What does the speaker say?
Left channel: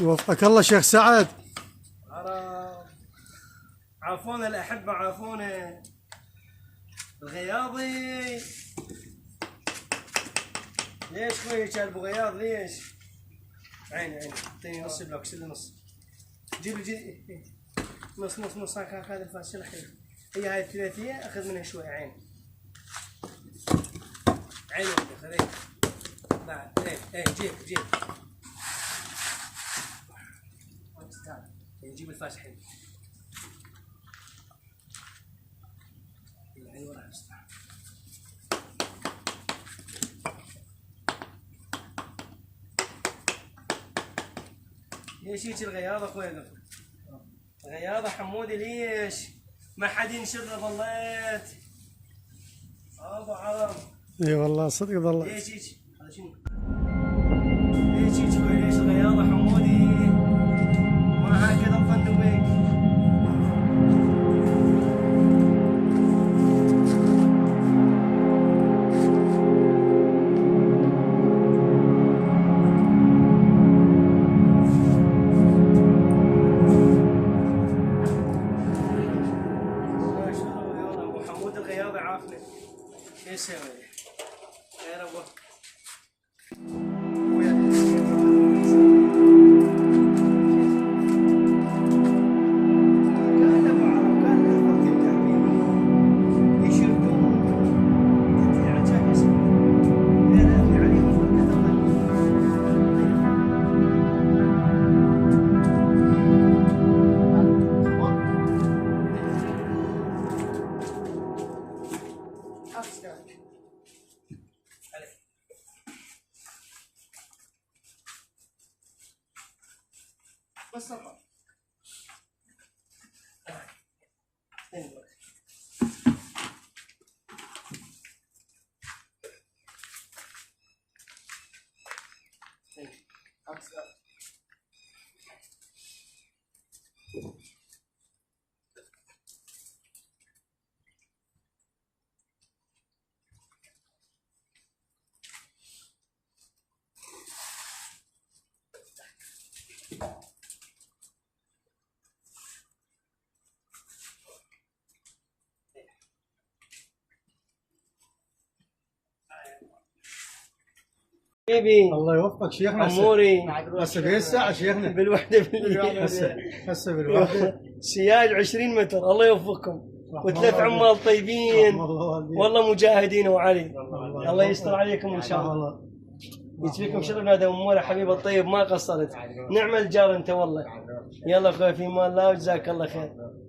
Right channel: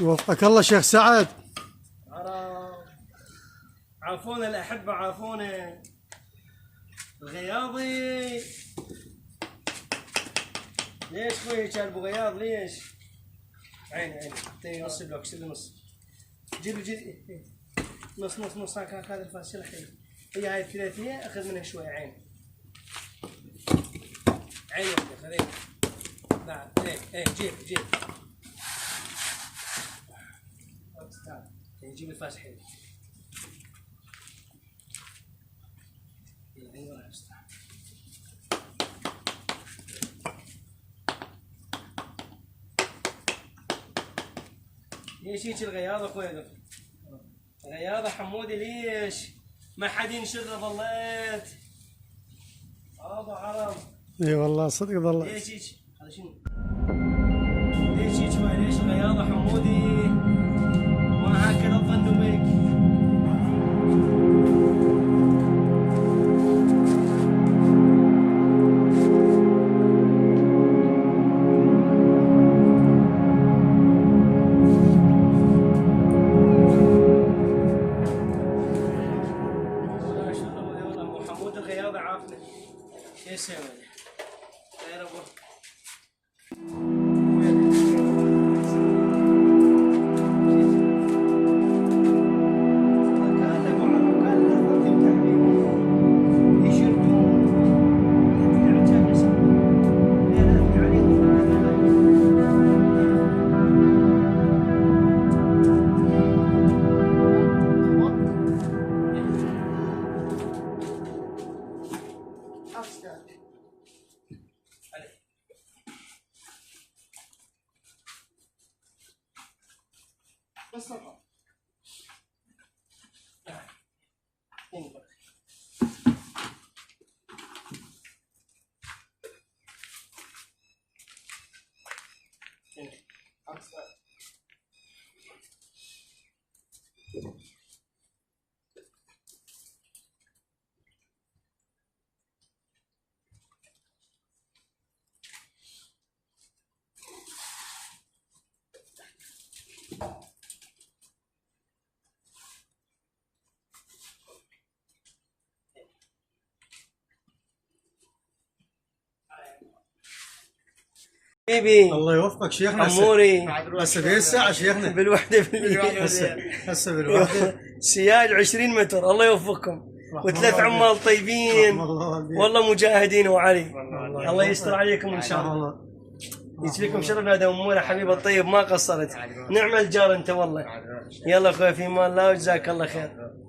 وفقك الله شيخ سعد. عافونا الأحبة، عافونا الغياضي. ليش خويك ابو غياض ليش؟ عيني اعطيني نص بلوك، شيل نص. جيب نص هذا الفاس شيل الحين. هي هاي الثلاثية اخذ منها شوي. عين واحدة خذيها بعد. جيب جيب الفاس الحين. العين وراها بس. ليش هيك الغياضة اخوي؟ غياضة حمودي ليش؟ ما حد ينشر ظليت. ابو عرب. اي والله صدق ظليت. ليش هيك؟ هذا شنو؟ ليش هيك خوي؟ ليش الغياضة حمودي؟ ما هكذا الظن بك. الغياضة عافنا. شو يسوي؟ خير ابو. بس طبعا حبيبي. الله يوفقك شيخنا. اموري هسه في الساعة شيخنا. بالوحدة هسه بالوحدة. سياج 20 متر. الله يوفقكم وثلاث عمال طيبين والله مجاهدين. وعلي الله يستر عليكم ان شاء الله. يجزيكم شرف هذا اموره حبيب الطيب، ما قصرت. نعم الجار انت والله. يلا اخوي في امان الله وجزاك الله خير.